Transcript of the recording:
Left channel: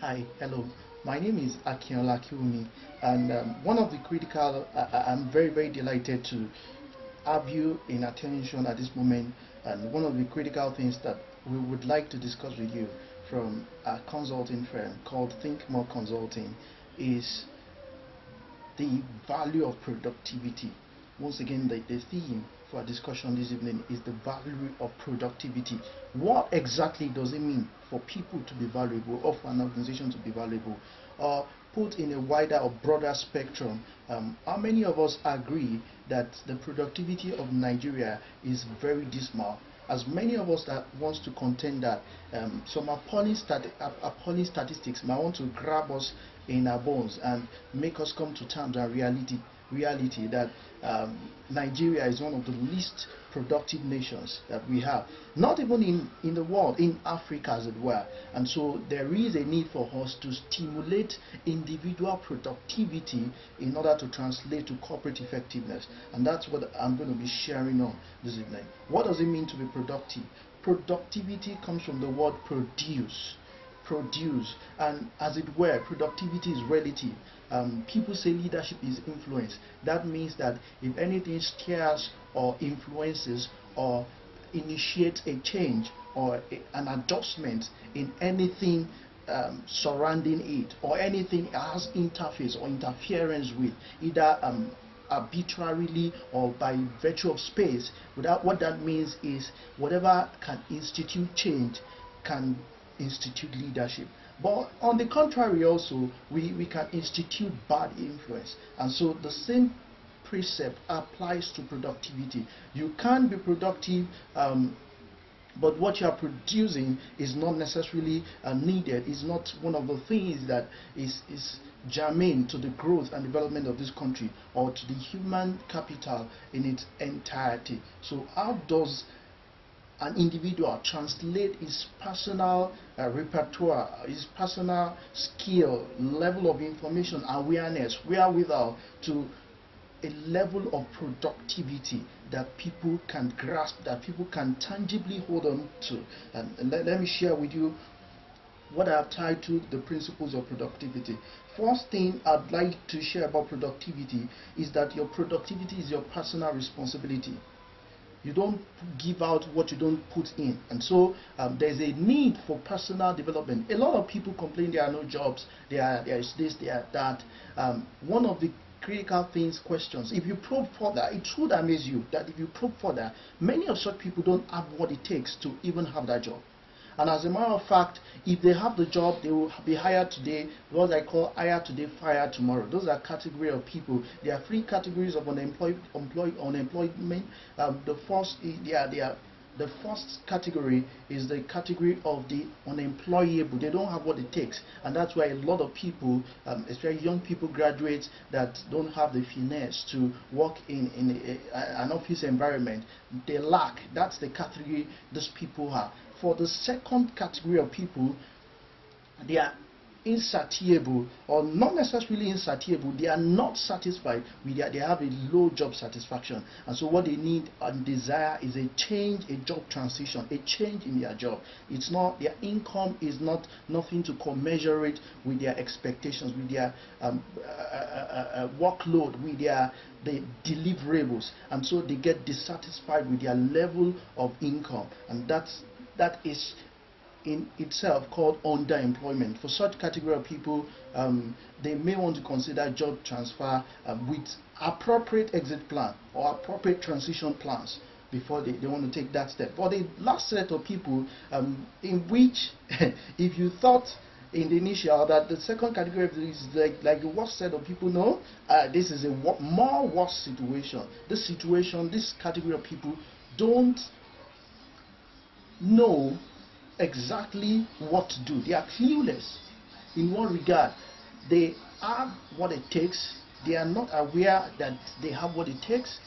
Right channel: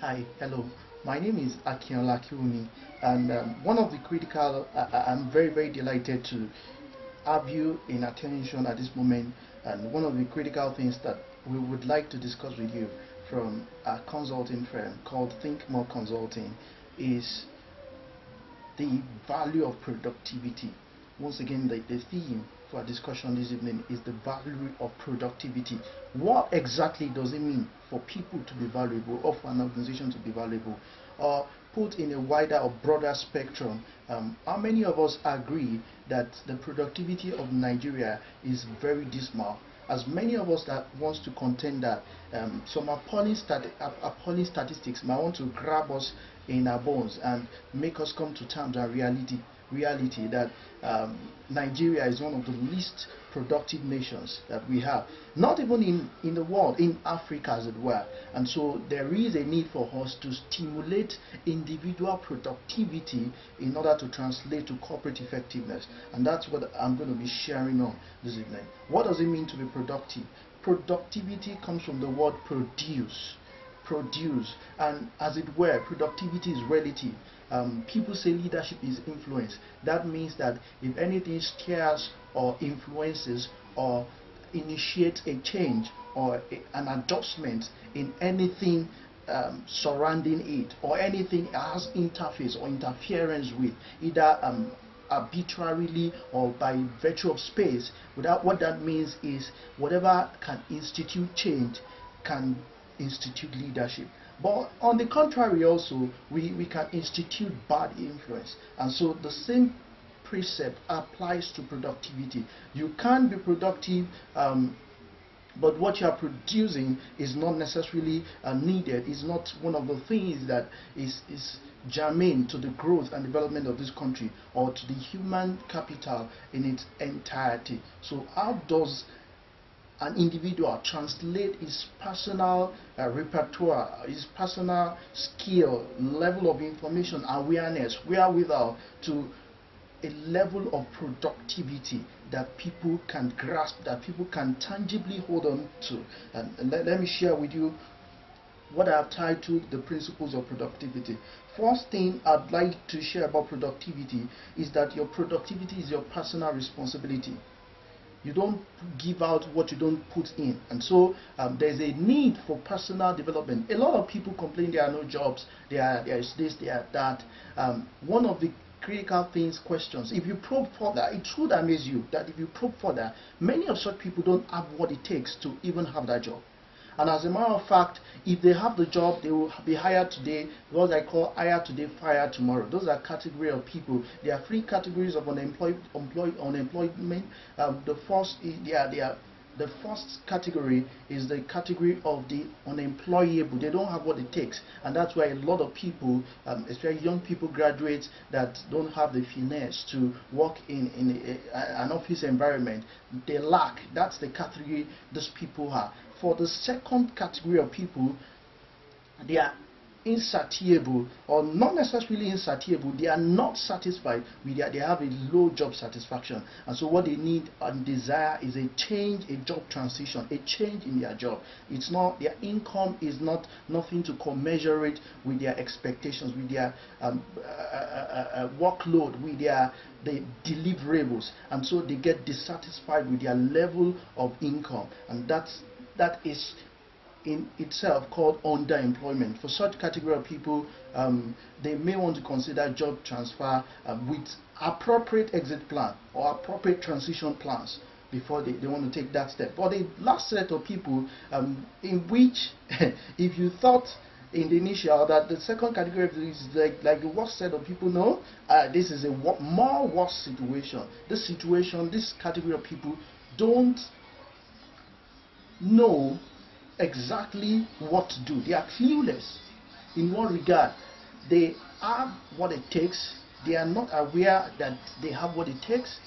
Hi, hello. My name is Akinwumi, and one of the critical, I'm very delighted to have you in attention at this moment. And one of the critical things that we would like to discuss with you from a consulting firm called Think More Consulting is the value of productivity. Once again, the theme for our discussion this evening is the value of productivity. What exactly does it mean for people to be valuable, or for an organization to be valuable? Or put in a wider or broader spectrum, how many of us agree that the productivity of Nigeria is very dismal? As many of us that wants to contend that some appalling statistics might want to grab us in our bones and make us come to terms and reality that Nigeria is one of the least productive nations that we have, not even in the world, in Africa as it were. And so there is a need for us to stimulate individual productivity in order to translate to corporate effectiveness. And that's what I'm going to be sharing on this evening. What does it mean to be productive? Productivity comes from the word produce, and as it were, productivity is relative. People say leadership is influence. That means that if anything steers or influences or initiates a change or an adjustment in anything surrounding it, or anything it has interface or interference with, either arbitrarily or by virtue of space, without, what that means is whatever can institute change can institute leadership. But on the contrary also, we can institute bad influence. And so the same precept applies to productivity. You can be productive, but what you are producing is not necessarily needed, is not one of the things that is germane to the growth and development of this country or to the human capital in its entirety. So how does an individual translate his personal repertoire, his personal skill, level of information, awareness, wherewithal, to a level of productivity that people can grasp, that people can tangibly hold on to? And let me share with you what I have titled the principles of productivity. First thing I'd like to share about productivity is that your productivity is your personal responsibility. You don't give out what you don't put in. And so there's a need for personal development. A lot of people complain there are no jobs, there is this, there that. One of the critical things, questions, if you probe further, it should amaze you that if you probe further, many of such people don't have what it takes to even have that job. And as a matter of fact, if they have the job, they will be hired today. What I call hire today, fire tomorrow. Those are category of people. There are three categories of unemployment. The first category is the category of the unemployable. They don't have what it takes, and that's why a lot of people, especially young people, graduates that don't have the finesse to work in an office environment. They lack. That's the category these people are. For the second category of people, they are insatiable, or not necessarily insatiable, they are not satisfied with they have a low job satisfaction, and so what they need and desire is a change, a job transition, a change in their job. It's not, their income is not nothing to commensurate with their expectations, with their workload, with the deliverables, and so they get dissatisfied with their level of income, and that is in itself called underemployment. For such category of people, they may want to consider job transfer with appropriate exit plan or appropriate transition plans before they want to take that step. For the last set of people, in which if you thought in the initial that the second category is like the worst set of people, no, this is a more worse situation. This category of people don't know exactly what to do. They are clueless. In one regard, they have what it takes. They are not aware that they have what it takes.